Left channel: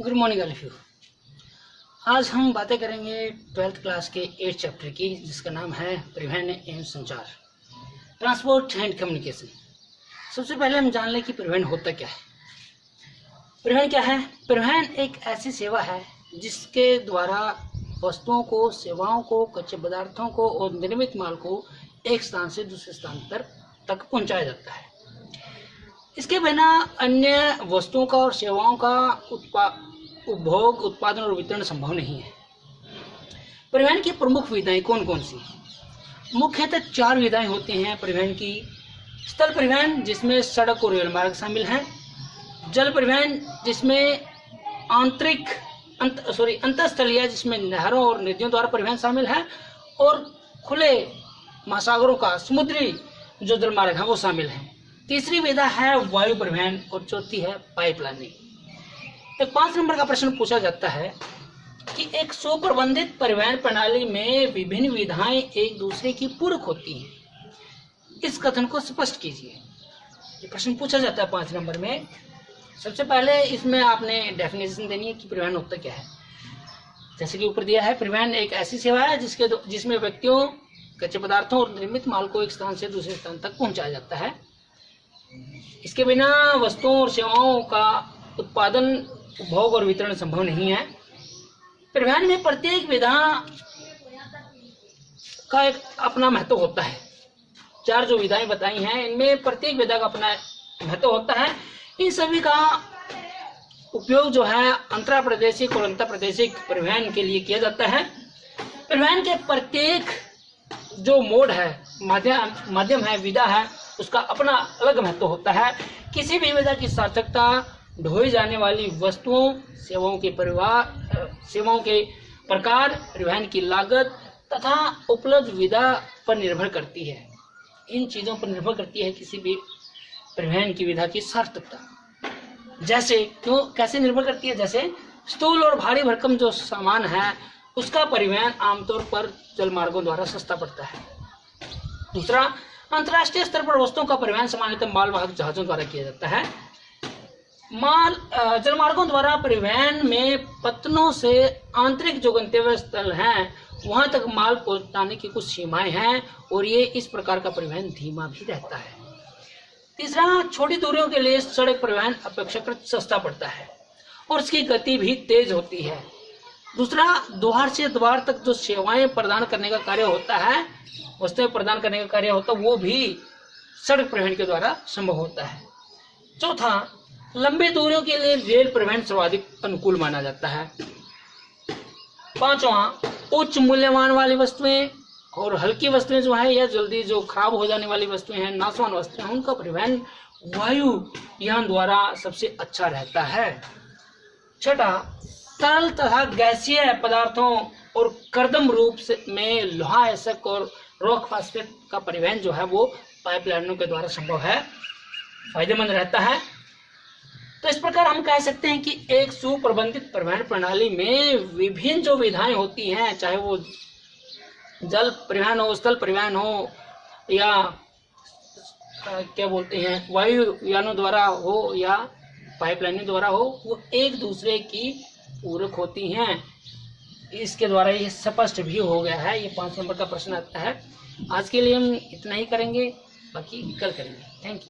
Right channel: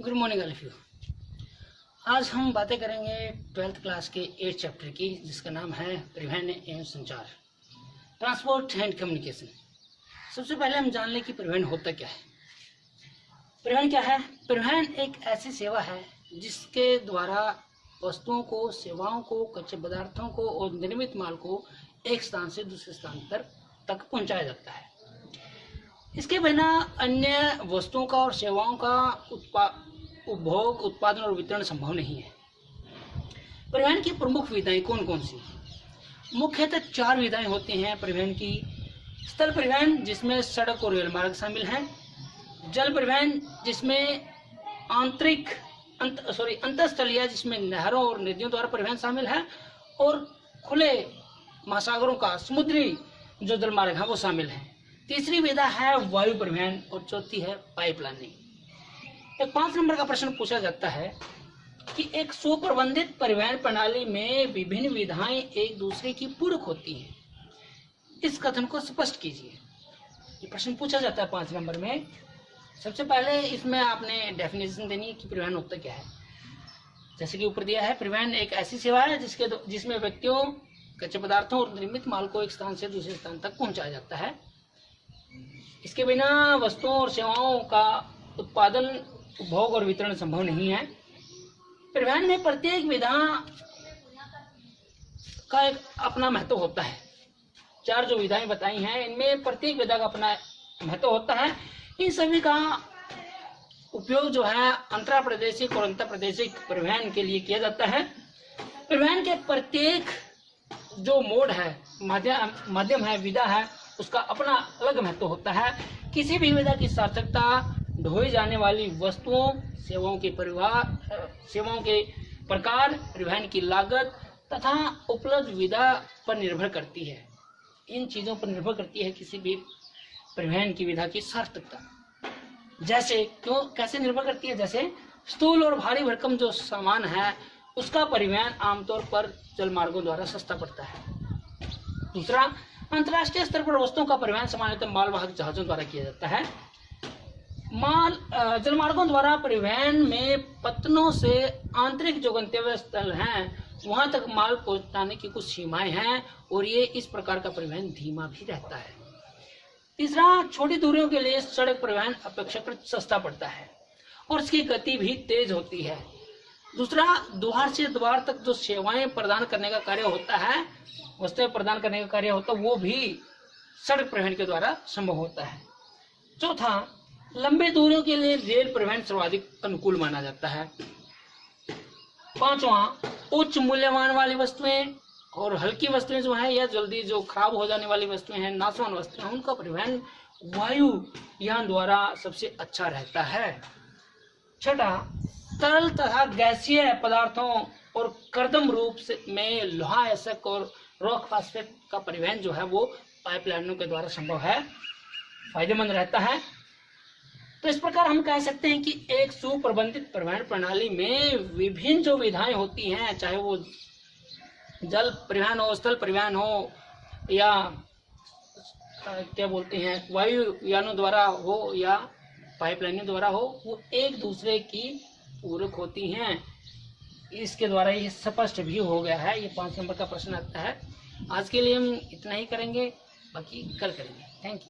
Good morning all of you. आज हम बातें करेंगे 12th क्लास के 8th चैप्टर की, जिसका नाम है परिवहन एवं संचार, ट्रांसपोर्ट एंड कम्युनिकेशन। सबसे पहले हम जान लें कि परिवहन होता क्या है। परिवहन क्या है? परिवहन एक ऐसी सेवा है जिसके द्वारा वस्तुओं को, सेवाओं को, कच्चे पदार्थों को और निर्मित माल को एक स्थान से दूसरे स्थान तक पहुंचाया जाता है। इसके बिना अन्य वस्तुओं का और सेवाओं का उपभोग, उत्पादन और वितरण संभव नहीं है। परिवहन की प्रमुख विधाएं कौन कौन सी? मुख्यतः 4 विधाएं होती हैं परिवहन की। स्थल परिवहन, जिसमें सड़क और रेल मार्ग शामिल हैं। जल परिवहन, जिसमें अंतरस्थलीय, जिसमें नहरों और नदियों द्वारा परिवहन शामिल है। और खुले महासागरों का समुद्री जो जल मार्ग है वो शामिल है। तीसरी विधा है वायु परिवहन और चौथी है पाइपलाइनिंग। तो 5 नंबर का प्रश्न पूछा जाता है कि एक सुप्रबंधित परिवहन प्रणाली में विभिन्न विधाएं एक दूसरे की पूरक होती हैं। इस कथन को स्पष्ट कीजिए। ये प्रश्न पूछा जाता है 5 नंबर में। सबसे पहले इसमें आपने डेफिनेशन देनी है कि परिवहन होता क्या है। जैसे कि ऊपर दिया है, परिवहन एक ऐसी सेवा है जिसमें व्यक्तियों, कच्चे पदार्थों और निर्मित माल को एक स्थान से दूसरे स्थान तक पहुंचाया जाता है। इसके बिना वस्तुओं और सेवाओं का उत्पादन, उपभोग और वितरण संभव नहीं है। परिवहन में प्रत्येक विधा का एक अपना महत्व होता है। 4 जो विधाएं बताई हैं, इनमें प्रत्येक विधा का अपना महत्व होता है। इन सभी का उपयोग जो है अंतरा प्रादेशिक और अंतर प्रादेशिक परिवहन के लिए किया जाता है। परिवहन के प्रत्येक जो मोड है, माध्यम है, विधा है, उसका अपना अलग महत्व होता है। किसी भी विधा की सार्थकता ढोई जाने वाली वस्तुओं, सेवाओं के प्रकार, परिवहन की लागत तथा उपलब्ध विधा पर निर्भर करती है। इन चीजों पर निर्भर करती है किसी भी परिवहन की विधा की सार्थकता। जैसे कैसे निर्भर करती है? जैसे स्थूल और भारी भरकम जो सामान है उसका परिवहन आमतौर पर जल मार्गों द्वारा सस्ता पड़ता है। दूसरा, अंतर्राष्ट्रीय स्तर पर वस्तुओं का परिवहन सामान्यतः मालवाहक जहाजों द्वारा किया जाता है। जलमार्गों द्वारा परिवहन में पत्तनों से आंतरिक जो गंतव्य स्थल हैं वहां तक माल पहुंचाने की कुछ सीमाएं हैं और ये इस प्रकार का परिवहन धीमा भी रहता है। तीसरा, छोटी दूरियों के लिए सड़क परिवहन अपेक्षाकृत सस्ता पड़ता है और इसकी गति भी तेज होती है। दूसरा, द्वार से द्वार तक जो सेवाएं प्रदान करने का कार्य होता है, वस्तुएं प्रदान करने का कार्य होता है, वो भी सड़क परिवहन के द्वारा संभव होता है। चौथा, लंबी दूरियों के लिए रेल परिवहन सर्वाधिक अनुकूल माना जाता है। पांचवा, उच्च मूल्यवान वाली वस्तुएं और हल्की वस्तुएं जो है या जल्दी जो खराब हो जाने वाली वस्तुएं हैं, नाशवान वस्तुएं, उनका परिवहन वायुयान द्वारा सबसे अच्छा रहता है। छठा, तरल तथा गैसीय पदार्थों और कर्दम रूप में लोहा, एसक और रॉक फास्फेट का परिवहन जो है वो पाइपलाइनों के द्वारा संभव है, फायदेमंद रहता है। तो इस प्रकार हम कह सकते हैं कि एक सुप्रबंधित परिवहन प्रणाली में विभिन्न जो विधाएं होती हैं, चाहे वो जल परिवहन हो, स्थल परिवहन हो या क्या बोलते हैं वायु यानों द्वारा हो या पाइपलाइनों द्वारा हो, वो एक दूसरे की पूरक होती हैं। इसके द्वारा ये स्पष्ट भी हो गया है। ये 5 नंबर का प्रश्न आता है। आज के लिए हम इतना ही करेंगे, बाकी कल करेंगे। Thank you.